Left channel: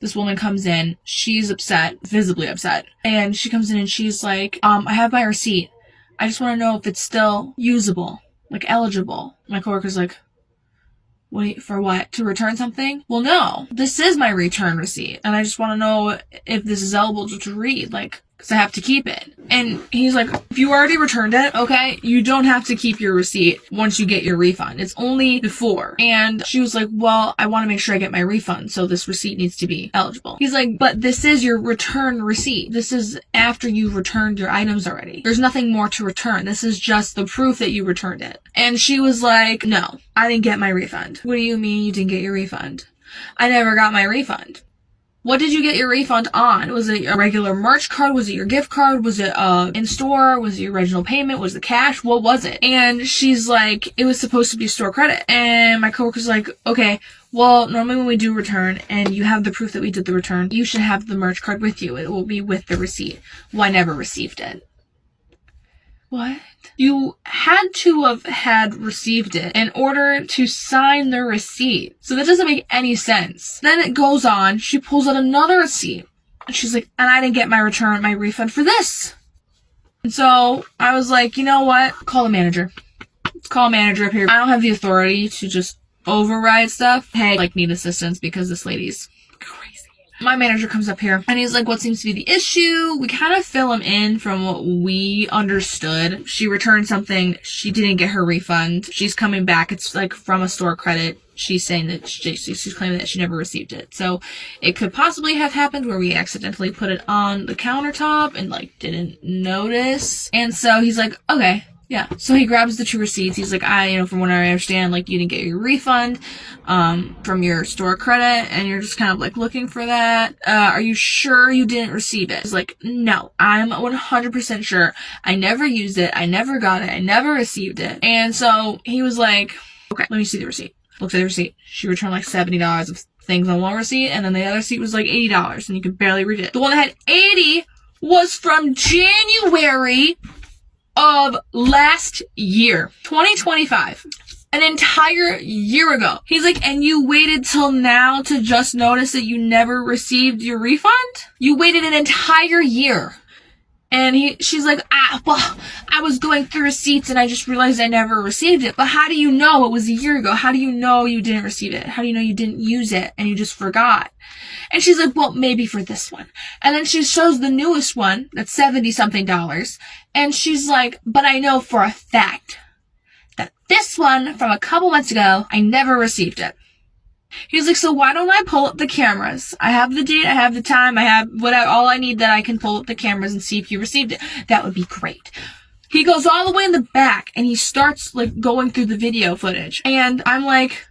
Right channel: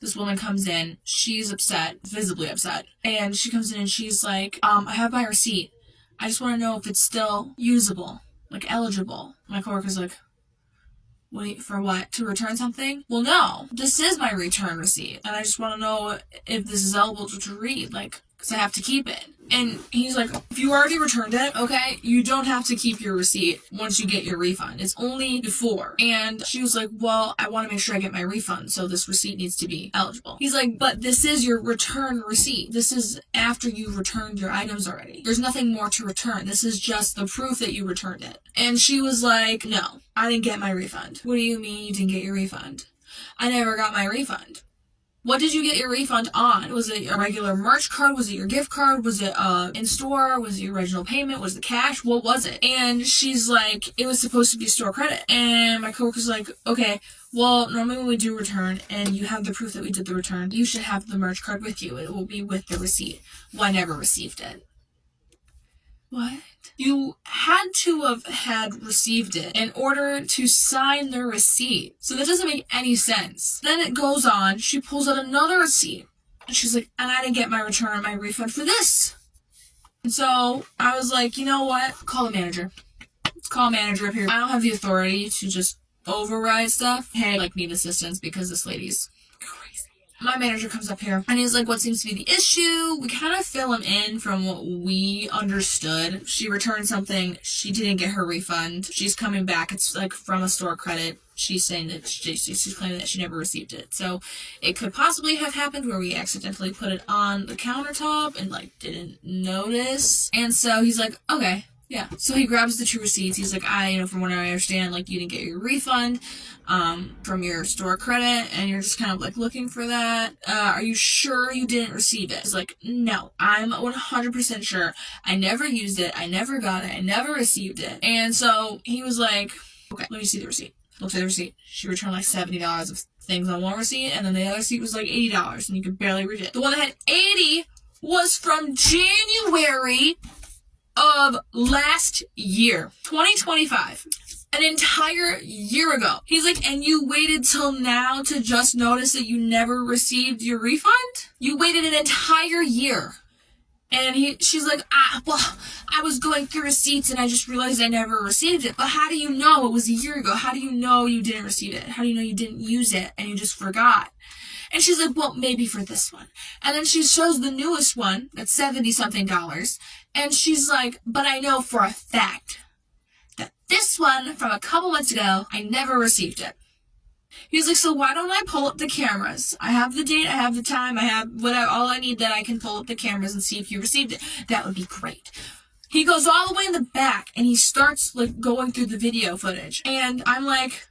This woman comes in. She's upset, visibly upset. And she comes in and she's like, I have my receipt. I just want to know if it's still usable, like eligible. My coworker's like, for what? To return something? Well, no. This is my return receipt. And I just want to know if this is eligible to read, like, because I have to keep it. And he's like, if you already returned it, okay, you don't have to keep your receipt once you get your refund. It's only before. And she was like, well, I want to make sure I get my refund, so this receipt needs to be eligible. He's like, but this is your return receipt. This is after you returned your items already. There's nothing more to return. This is just the proof that you returned it. And she was like, no, I didn't get my refund. What do you mean you didn't get your refund? I never got my refund. What did you get your refund on? Was it a regular merch card? Was it your gift card? Was it in-store? Was it your original payment? Was it cash? What was it? And she's like, it was supposed to be store credit. And my coworker's like, okay, well, normally when we do return and you have the proof that we did the return, you should have the merch card with you. It will be with the receipt. Well, I never received it. What? You had to have had received it in order to sign the receipt. So that doesn't make any sense. Then it goes on. She pulls out another receipt. And she's like, and I didn't get my refund for this. And so I was like, you know what? Call the manager. Let's call a manager up here. I don't have the authority to just override stuff. Hey, need assistance because this lady's crazy. My manager comes up here and he's like, what seems to be the issue? We kind of fill him in from what we understood. She returned something. She didn't get her refund. She's coming back. It's like from a store credit. She's saying that she's claiming that she never received it. So it could possibly have happened where we accidentally put it on the countertop and didn't notice. And so he's like, okay. Yeah. So he grabs the 2 receipts. He's like, from what I understand, you didn't get your refund, from your store credit, and you're just kind of looking for that. Are you sure you didn't receive it? He's like, no, I'm 100% sure. I never used it. I never got it. I never received it. And so he was like, okay, let me see the receipt. Looks at the receipt. She returned $70 of things on one receipt, and then the other receipt was $80, and you could barely read it. The one that had 80 was from January of last year, 2025, an entire year ago. He's like, and you waited till now to just notice that you never received your refund? You waited an entire year. And she's like, well, I was going through receipts and I just realized I never received it. But how do you know it was a year ago? How do you know you didn't receive it? How do you know you didn't use it and you just forgot? And she's like, well, maybe for this one. And then she shows the newest one that's $70-something. And she's like, but I know for a fact that this one from a couple months ago, I never received it. He's like, so why don't I pull up the cameras? I have the date, I have the time, I have all I need that I can pull up the cameras and see if you received it. That would be great. He goes all the way in the back and he starts going through the video footage. And I'm like,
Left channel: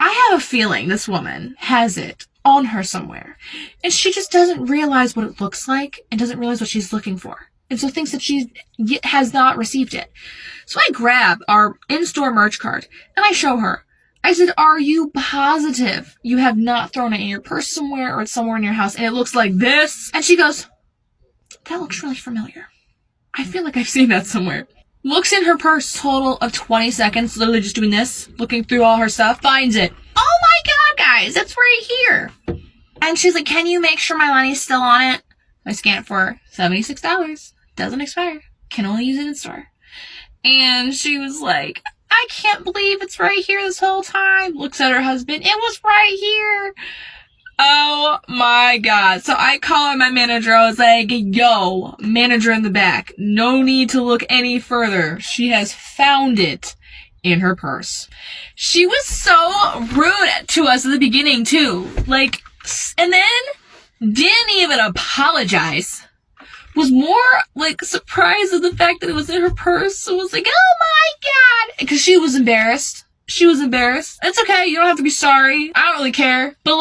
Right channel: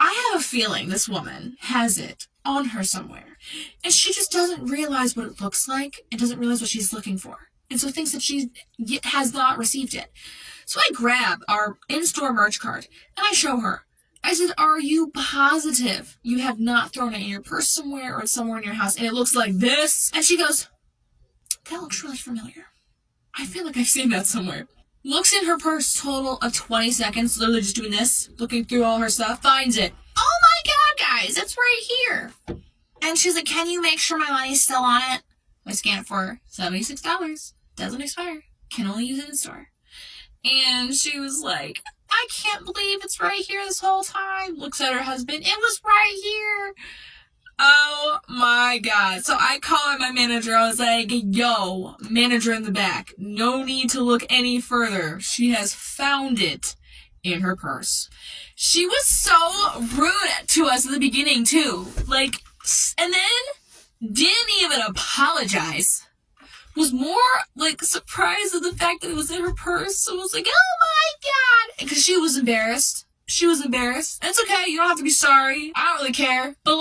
I have a feeling this woman has it on her somewhere. And she just doesn't realize what it looks like and doesn't realize what she's looking for. And so thinks that she has not received it. So I grab our in-store merch card and I show her. I said, are you positive you have not thrown it in your purse somewhere or it's somewhere in your house and it looks like this? And she goes, that looks really familiar. I feel like I've seen that somewhere. Looks in her purse, total of 20 seconds, literally just doing this, looking through all her stuff, finds it. Oh my God, guys, it's right here. And she's like, can you make sure my money's still on it? I scan it for her, $76. Doesn't expire. Can only use it in store. And she was like, I can't believe it's right here this whole time. Looks at her husband. It was right here. Oh my God. So I call my manager. I was like, yo, manager in the back. No need to look any further. She has found it in her purse. She was so rude to us at the beginning too. And then didn't even apologize. Was more surprised at the fact that it was in her purse. So I was like, oh my God. Because she was embarrassed. She was embarrassed. It's okay. You don't have to be sorry. I don't really care. But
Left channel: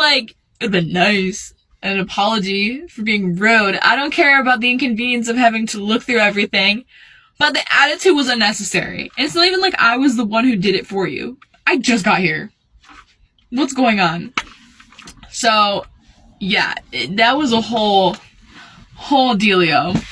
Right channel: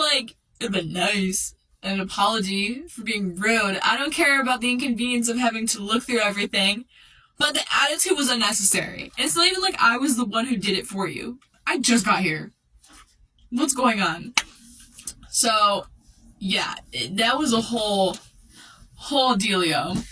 it'd been nice. An apology for being rude. I don't care about the inconvenience of having to look through everything. But the attitude was unnecessary. And it's not even like I was the one who did it for you. I just got here. What's going on? So, yeah, that was a whole dealio.